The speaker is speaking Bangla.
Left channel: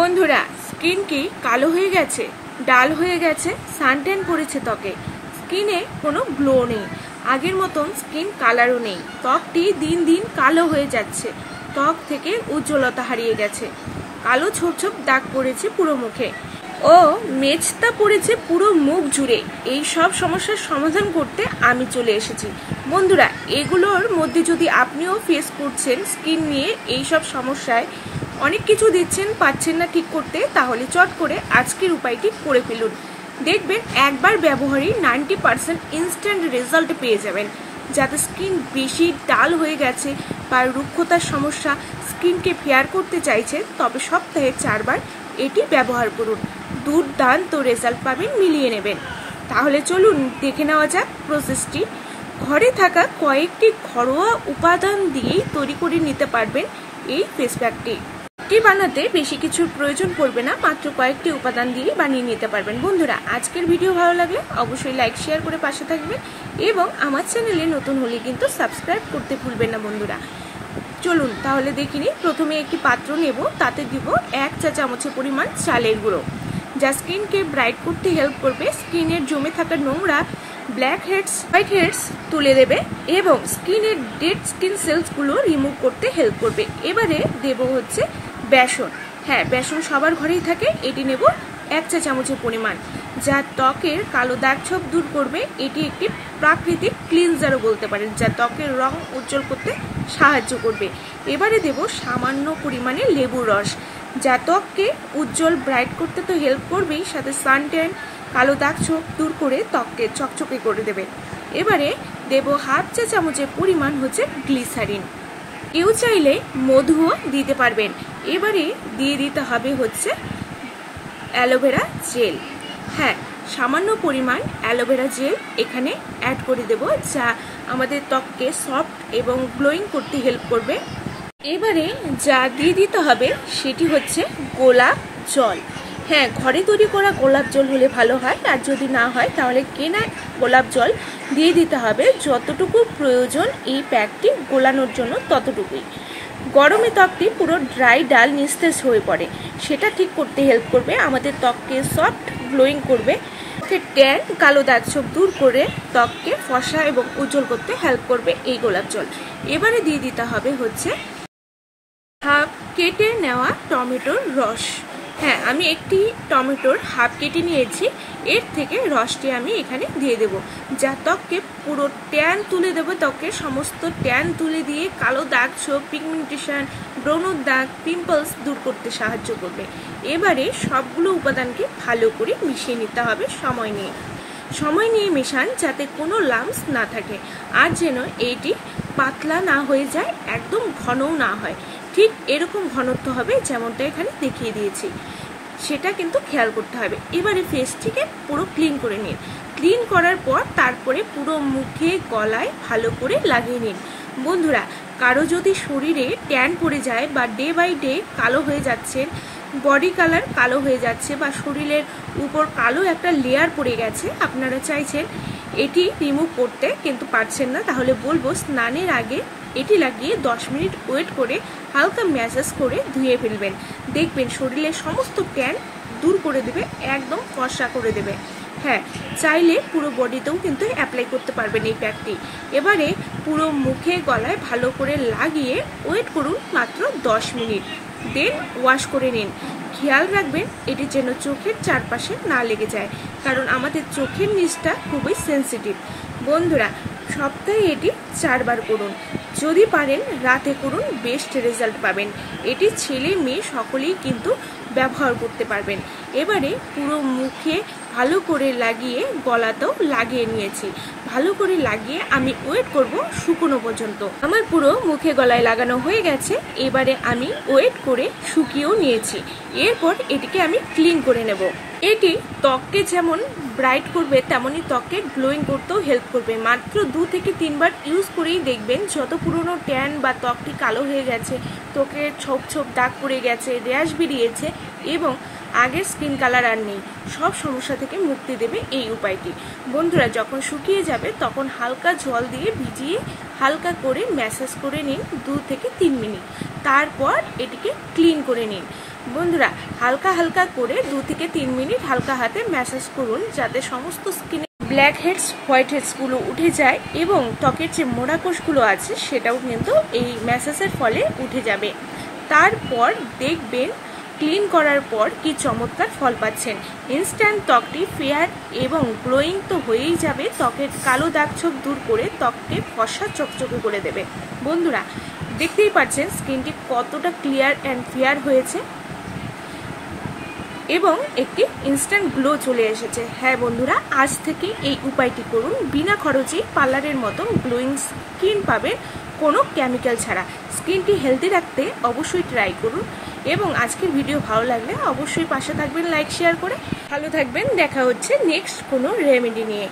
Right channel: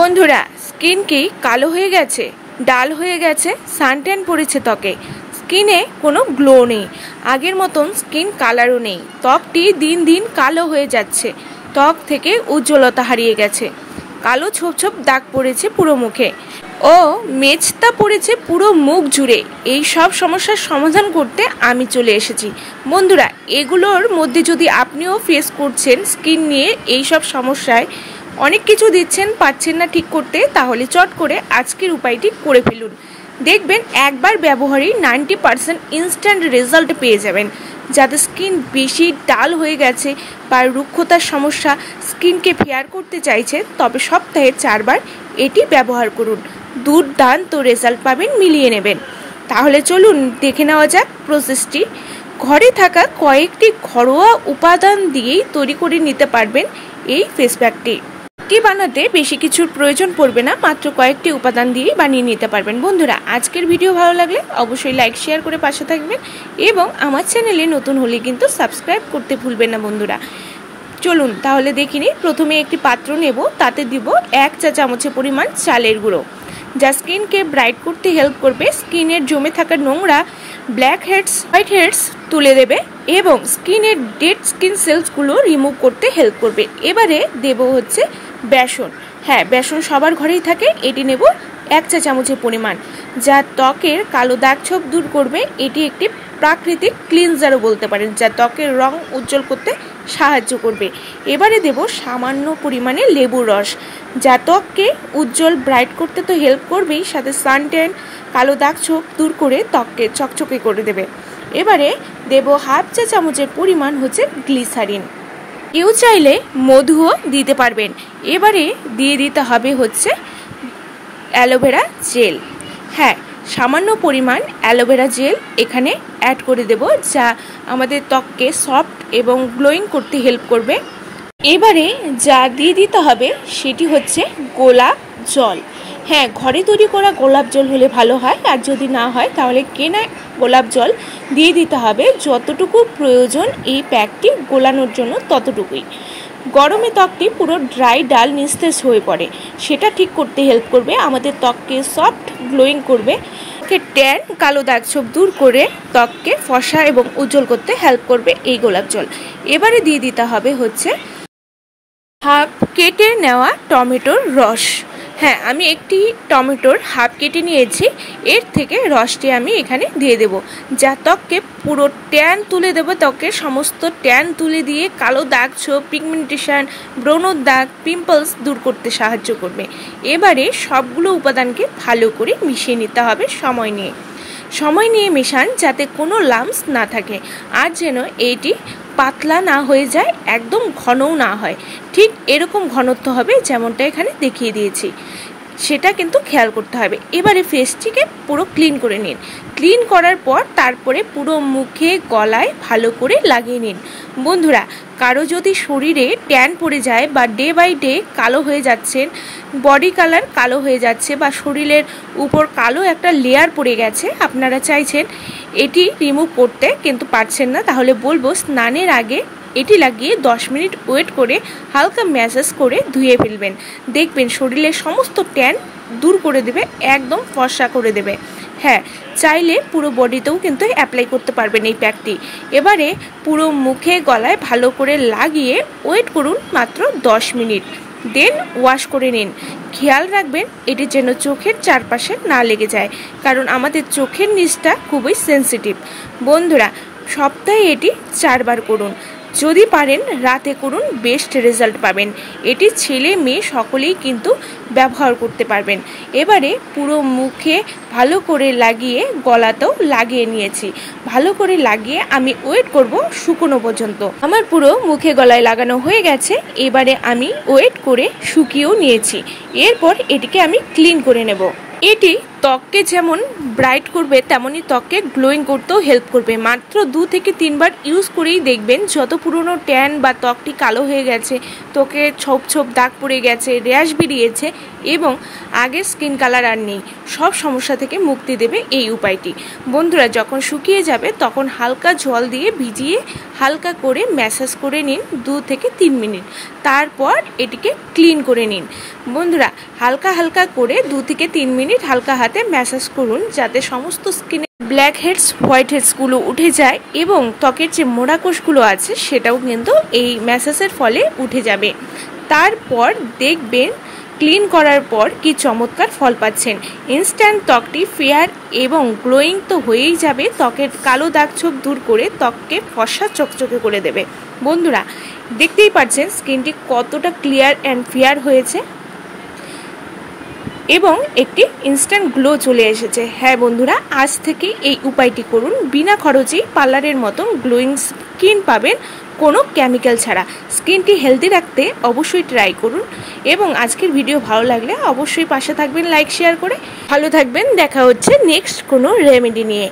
বন্ধুরা, স্কিন কি কালো হয়ে গেছে, ডাল হয়ে গেছে, সানট্যান পড়েছে ত্বকে, স্কিনে কোনো গ্লো নেই, আগের মতন স্কিন কালারও নেই, ত্বকটি দিন দিন কালো হয়ে যাচ্ছে, ত্বক থেকে উজ্জ্বলতা হারিয়ে গেছে, কালো ছোপ ছোপ দাগ পড়েছে পুরো মুখে ও মেচতা পড়েছে পুরো মুখ জুড়ে। এই সব সমস্যার সমাধান করতে আমি চলে এসেছি। বন্ধুরা, এগুলোর মধ্যে যদি আপনিও ফেস করছেন স্কিন নিয়ে এই সব সমস্যায়, অনেক কিছু দিচ্ছেন পাচ্ছেন না ঠিক করতে, তাহলে চট করে আজকের উপায়টি করে ফেলুন। দেখবেন একবার ব্যবহারেই 90% ইনস্ট্যান্ট রেজাল্ট পেয়ে যাবেন। যাদের স্কিন বেশি ডাল হয়ে গেছে বা রুক্ষতার সমস্যা, স্কিনকে ফেয়ার করতে চাইছেন, তবে সপ্তাহে 4 বার এটি ব্যবহার করুন, দুর্দান্ত রেজাল্ট পাবেন, মিলিয়ে নেবেন। তাহলে চলুন দেখে নেওয়া যাক প্রসেসটি। ঘরে থাকা কয়েকটি ঘরোয়া উপাদান দিয়েই তৈরি করে নিতে পারবেন এই ফেস প্যাকটি। এটি বানাতে বেশি কিছুর প্রয়োজন পড়বে না, মাত্র কয়েকটি উপাদান দিয়েই বানিয়ে নিতে পারবেন। বন্ধুরা, আজকের ভিডিও ভালো লাগলে অবশ্যই লাইক শেয়ার করে পাশে থাকবেন এবং আমার চ্যানেলে নতুন হলে কিন্তু সাবস্ক্রাইব করতে ভুলবেন না। বন্ধুরা চলুন তাহলে দেখিনি। প্রথমে একটি পাত্র নেব, তাতে দিব 1 চা চামচের পরিমাণ চালের গুঁড়ো, যা স্কিনকে ব্রাইট করতে হেল্প করবে, স্কিনের জমে থাকা নোংরা ব্ল্যাক হেডস, হোয়াইট হেডস তুলে দেবে এবং স্কিনের ডেড স্কিন সেলসগুলো রিমুভ করতে হেল্প করবে। এবারে দেব হচ্ছে বেসন। হ্যাঁ, বেসন সবার ঘরেই থাকে, এটি নেব 1 চা চামচের পরিমাণ, যা ত্বকের কালো দাগ ছোপ দূর করবে। এটি একটি প্রাকৃতিক ক্লিনজারও বলতে পারেন, যা ত্বকের রং উজ্জ্বল করতে সাহায্য করবে। এবারে দেব সামান্য পরিমাণে লেবুর রস, যা ত্বককে উজ্জ্বল ব্রাইট করতে তো হেল্প করবেই, সাথে সানট্যান, কালো দাগ ছোপ দূর করে ত্বককে চকচকে করে দেবে। এবারে দেব 1/2 চা চামচের পরিমাণ হচ্ছে গ্লিসারিন। কেউ চাইলে মধুও দিতে পারবেন। এবারে দিয়ে দিতে হবে হচ্ছে অ্যালোভেরা জেল। হ্যাঁ, সামান্য পরিমাণ অ্যালোভেরা জেল এখানে অ্যাড করে দেব, যা আমাদের ত্বককে সফট এবং গ্লোয়িং করতে হেল্প করবে। এবারে যা দিয়ে দিতে হবে সেটি হচ্ছে গোলাপ জল। হ্যাঁ, ঘরে তৈরি করা গোলাপ জল হলে ভালো হয়, আর যদি না হয় তাহলে কেনা গোলাপ জল দিয়ে দিতে হবে। যতটুকু প্রয়োজন এই প্যাকটি গোলানোর জন্য ততটুকুই। গরমে ত্বকটি পুরো ড্রাই ডাল নিস্তেজ হয়ে পড়ে, সেটা ঠিক করতে হেল্প করবে, আমাদের ত্বককে সফট গ্লোয়িং করবে, ট্যান, কালো দাগ ছোপ দূর করে ত্বককে ফর্সা এবং উজ্জ্বল করতে হেল্প করবে এই গোলাপ জল। এবারে দিয়ে দিতে হবে হচ্ছে হাফ কেটে নেওয়া টমেটোর রস। হ্যাঁ, আমি একটি টমেটোর হাফ কেটে নিয়েছি, এর থেকে রসটি আমি এখানে দিয়ে দেব, যা ত্বককে পুরো ট্যান তুলে দেবে, ত্বকের সমস্ত ট্যান তুলে দিয়ে কালো দাগ ছোপ, পিগমেন্টেশন, ব্রণর দাগ, পিম্পলস দূর করতে সাহায্য করবে। এবারে সবগুলো উপাদানকে ভালো করে মিশিয়ে নিতে হবে সময় নিয়ে মেশান, যাতে কোনো লাম্পস না থাকে, আর যেন এটি পাতলা না হয়ে যায়, একদম ঘনও না হয়। ঠিক এরকম ঘনত্ব হবে যেমনটা এখানে দেখিয়ে দিয়েছি, সেটা কিন্তু খেয়াল করতে হবে। এবারে ফেসটিকে পুরো ক্লিন করে নিন। ক্লিন করার পর তারপরে পুরো মুখে গলায় ভালো করে লাগিয়ে নিন। বন্ধুরা, কারো যদি শরীরে ট্যান পড়ে যায় বা ডে বাই ডে কালো হয়ে যাচ্ছেন, বডি কালার কালো হয়ে যাচ্ছে বা শরীরের উপর কালো একটা লেয়ার পড়ে গেছে, আপনারা চাইছেন এটি রিমুভ করতে কিন্তু পারছেন না, তাহলে বলবো স্নানের আগে এটি লাগিয়ে 10 মিনিট ওয়েট করে হালকা ম্যাসাজ করে ধুয়ে ফেলবেন। দেখবেন শরীরের সমস্ত ট্যান দূর করে দেবে, একদম ফর্সা করে দেবে। হ্যাঁ, চাইলে পুরো বডিতেও কিন্তু অ্যাপ্লাই করতে পারবেন এই প্যাকটি। এবারে পুরো মুখে গলায় ভালো করে লাগিয়ে ওয়েট করুন মাত্র 10 মিনিট, দেন ওয়াশ করে নিন। খেয়াল রাখবেন এটি যেন চোখের চারপাশে না লেগে যায়, কারণ আমাদের চোখের নিচটা খুবই সেন্সিটিভ। বন্ধুরা, সপ্তাহে এটি 4 বার করুন, যদি পারেন রাতে করুন, বেস্ট রেজাল্ট পাবেন। এটি ছেলে মেয়ে সকলেই কিন্তু ব্যবহার করতে পারবেন। এবারে পুরো মুখে ভালো করে লাগিয়ে গলাতেও লাগিয়ে নিয়েছি, ভালো করে লাগিয়ে আমি ওয়েট করব শুকনো পর্যন্ত। আমার পুরো মুখে গলায় লাগানো হয়ে গেছে, এবারে আমি ওয়েট করে শুকিয়েও নিয়েছি। এরপর এটিকে আমি ক্লিন করে নেব। এটি ত্বককে যেমন ব্রাইট করবে, তেমনই ত্বককে গ্লোয়িং করতেও হেল্প করবে। মাত্র 2 থেকে 3 বার ইউজ করেই দেখবেন যত পুরনো ট্যান বা ত্বকটি কালো হয়ে গেছে, ত্বকে ছোপ ছোপ দাগ পড়ে গেছে, র্যাশ বেরিয়েছে এবং আগের স্কিন কালার আর নেই, সব সমস্যা থেকে মুক্তি দেবে এই উপায়টি। বন্ধুরা, যখন শুকিয়ে যাবে তখন হালকা জল দিয়ে ভিজিয়ে হালকা করে ম্যাসাজ করে নিন 2 থেকে 3 মিনিট। তারপর এটিকে ক্লিন করে নিন। বন্ধুরা, হালকা হালকা করে 2 থেকে 3 মিনিট হালকা হাতে ম্যাসাজ করুন, যাতে সমস্ত স্কিনে ব্ল্যাক হেডস হোয়াইট হেডসগুলো উঠে যায় এবং ত্বকের যে মোড়া কোষগুলো আছে সেটাও কিন্তু এই ম্যাসাজের ফলে উঠে যাবে। তারপর দেখবেন ক্লিন করার পর কি চমৎকার ফল পাচ্ছেন। ইনস্ট্যান্ট ত্বকটি ফেয়ার এবং গ্লোয়িং তো হয়েই যাবে, ত্বকের কালো দাগ ছোপ দূর করে ত্বককে ফর্সা চকচকে করে দেবে। বন্ধুরা, দেখতেই পাচ্ছেন স্কিনটি কতটা ক্লিয়ার অ্যান্ড ফেয়ার হয়েছে এবং একটি ইনস্ট্যান্ট গ্লো চলে এসেছে। হ্যাঁ বন্ধুরা, আজ থেকে এই উপায়টি করুন, বিনা খরচেই পার্লারের মতন গ্লোয়িং স্কিন পাবেন, কোনো কেমিক্যাল ছাড়া। স্কিনটি হেলদি রাখতে অবশ্যই ট্রাই করুন এবং আজকের ভিডিও ভালো লাগলে অবশ্যই পাশে থাকবেন লাইক শেয়ার করে। ভালো থাকবেন, দেখা হচ্ছে নেক্সট কোনো রেমেডি নিয়ে।